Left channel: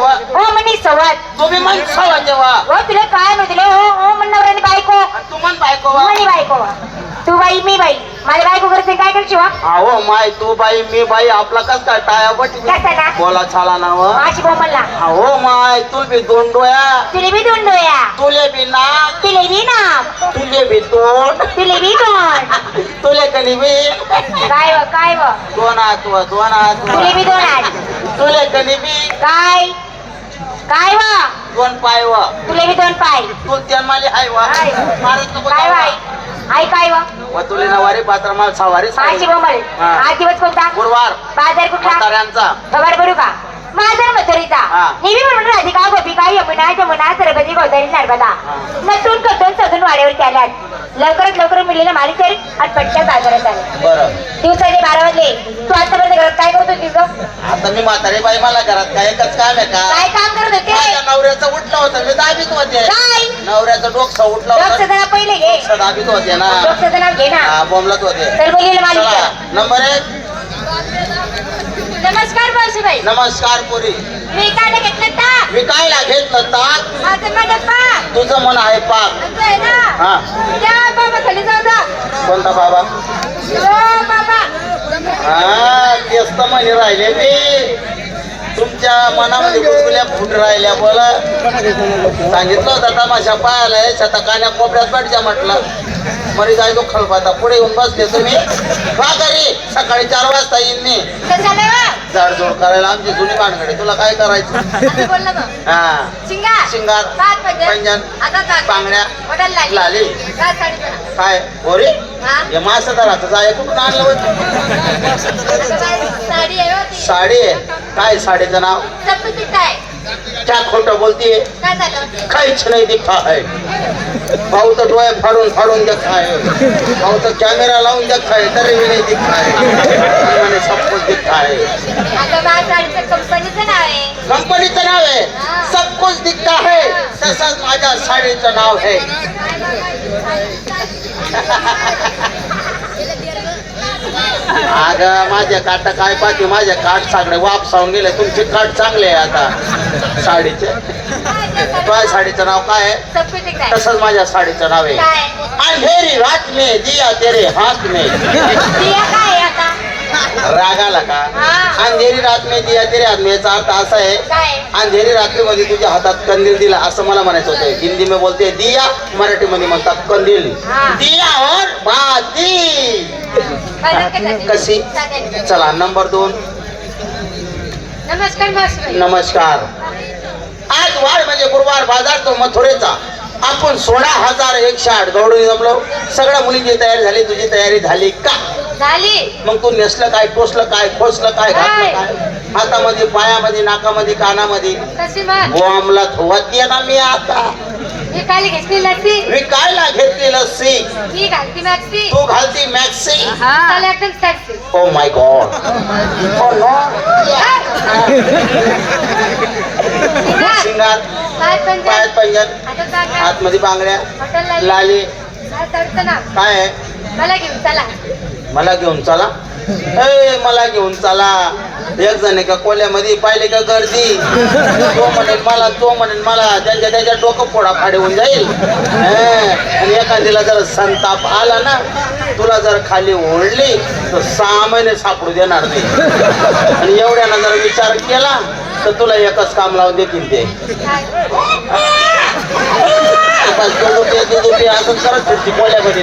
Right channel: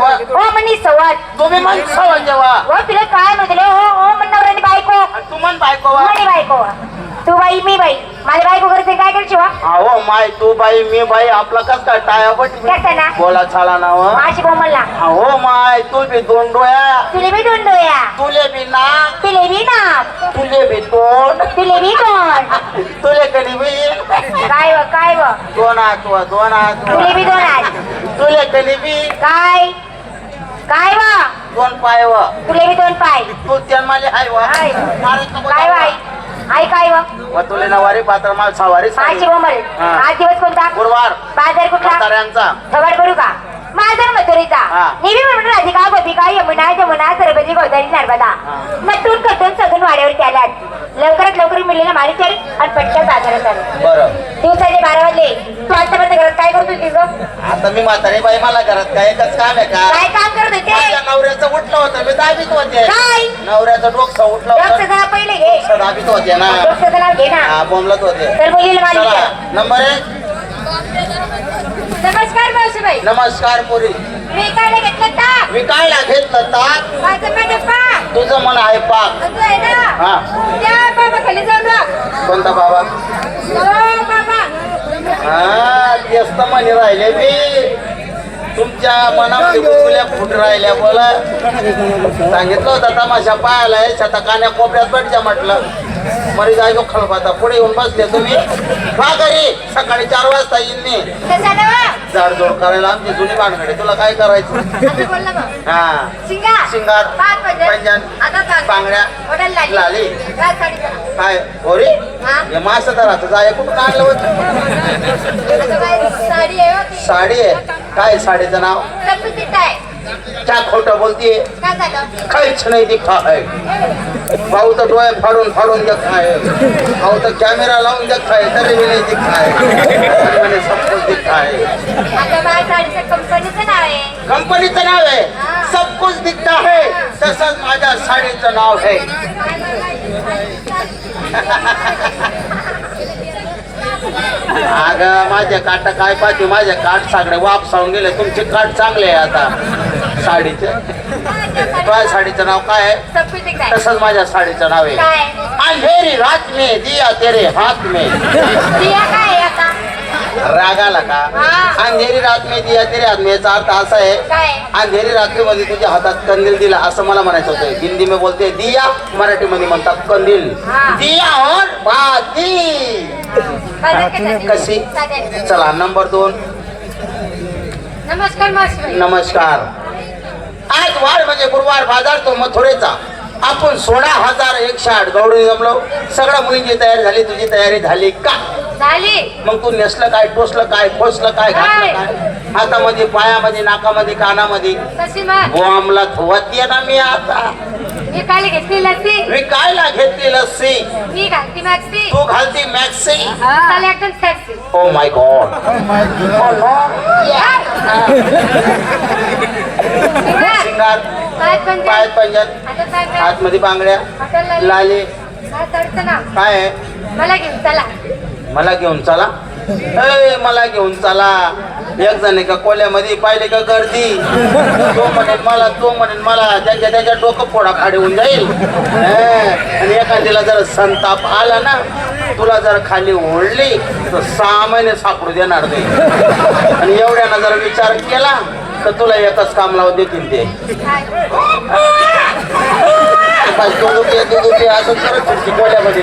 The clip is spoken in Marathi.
वा. हो म्हणी सवत. तुम्ही मग सवा जेव्हा. हो तुला काय म्हटलं हो हो म्हण नवऱ्याने बायको. तू म्हण बायको वा. म्हणे बायको. तू बाई मी बाई. माझ्या बायको करते काय करशील वा? अहो माय तू बाई मी बाई. आपला कस काय टाया पटी कशाला? बोला छाला नाव माझी बोमलला अहो माय तू बी दोन डोया तुले बी दोन डोया तुले बी नाक. तुले बी ना तुले बी तोंड. तुले बी दोन तुले कधी बी काय व काय व? दोन हात व दोन हात व. तुले बी दोन हात. तुले काय? काय वा? दोन पाय व. तुले बी दोन पाय. तू जन्माले हाय व. हाय. काय आई काय व? व तुले नवारी पात्र माल सवारी हा. आज दिवस कोणता? गुरुवार. बाजार कुठला? म्हाताऱ्यांचा. खबर करू का? माझा मथुरीचा हा. नेहमी म्हणून राधिका गोपिका यमुना जमुना सरस्वती गोदावरी नर्मदा. नटून कटून सजून वाड्यावर लवकरात लवकर मिळलेला मारिचर आणि पटकन बाजारात दिवसाचे बारा वाजले. तू आता बंद घरात काय करत ग आता मी म्हातारी बाई मला घरात काय एकच काम आहे का? काय काम करत होते माझ्या नवऱ्याचं उठलं होतं मी दाबीत होते. काय? नवऱ्याचं डोकं उठलं डॉक्टर होतं जरा पहिले घे. डोकं दाबीत होते ना. डॉक्टर नाव घे ना. हा बोलत होते. तर बोललेलं मालिक चला नंबर एक. नमस्कार नमस्कार पुरी. मी काय घेतलं का मी काय घेतलं ताक माझं माझं पाक. तुझं मन आहे पाक. असं आहे ना? हा. या बाबा खाली जाऊ जा. कोणता बाबा? हा तेच तर म्हणे राहिले मी तुमच्या मनामध्ये गुदगुल्या फुट राहिल्या बोला सांगितलं होतं तमाशा पाहायला आहे शतकाने कोपऱ्यात भेटच्या म्हटलं मरी जायलो खळपाता पुढे येऊन बसले तुम्ही घरी सकाळी चार वाजता येईल मी झाडझोड करायला आमची जुनी माणकडे तुला काय करायचं हा शिंगा शिंगार, पंजन, आता. बांगड्या. लाली. काय होरी हा? हे मास धराचं जाय आणलं होतं साडी आहे. साडी आहे काय साडीचं नाव? क्या खोटं बोलतीये. काहीच नाही दिखा है भाऊ तर डोळे फाडून फाडून देखा है भाऊ तर कॅमेरा लावून देखा है तरी नाही दिखा है सब कुछ है साडीचं कंपनीचं आहे. कंपनीचं नाव आहे. सब कुछ दिखता है तसंच माझ्या साडीचं नाव आहे. अगं माझे काट काय पाहिजे माझे काट सगळे वापसावून गेले. तुमचे काट चांगले आहे आता. साडीचे. काय साडीचं नाव? काय आहे? तसंच माझ्या साडीचं नाव आहे. अंधेरी रात में दिया तेरे हाथ में. रागाला का. अंधेरी रात में दिया तेरे हाथ में याचा अर्थ असा आहे अंधेरी रात्रीमध्ये तुझ्या हातात कंदील दिला असं मला म्हणायचं होतं हिंदी में बोलते दिया मराठीमध्ये म्हणतात कंदील. दिया और बाती? कशी. चला नंबर दोन नमस्कार नमस्कार आज वार म्हणजे गुरुवार बाजार तो मथुरेचा आपण सोळा हजार एकशे आठ गवडून जमलो सगळ्या मुलींची तयारी झाली तुझी तयारी झाली का झाली मग तू नेसलं काय टोचलं काय खोसलं काय घातलं काय? हातामध्ये पायामध्ये नाकामध्ये कानामध्ये. कशी मग. बॉम्बला धुवत ना मी आता. मी काल घेतली लस्सी? मी कायला घेतली लस्सी? मी घालती मॅक्सी. तू घालती मॅक्सी? एकदम ओ माय गॉड शिंगार काय पण पायात आता सांग आतमध्ये बांगड्या लागली. लाली. काय ना काय आहे? मला घेऊन चला. मला घेऊन चला. ए मला घेऊन चला. एक जण का कोल्यामध्ये पाहिले का गर्दी? तो म्हणेल मला तो म्हणेल मला त्यांच्या त्याच्या डोकं फोडा फाडी होऊन जाईल आणि एखाद्याला जर संताप आला ना तुला जर खाली ओढली तर सहा महिने सापडू देणार नाही. आणि एवढ्यानं जर विचार केला तर तुला एकच काम लावून देतील ते. असं करत होती कोल्यामध्ये.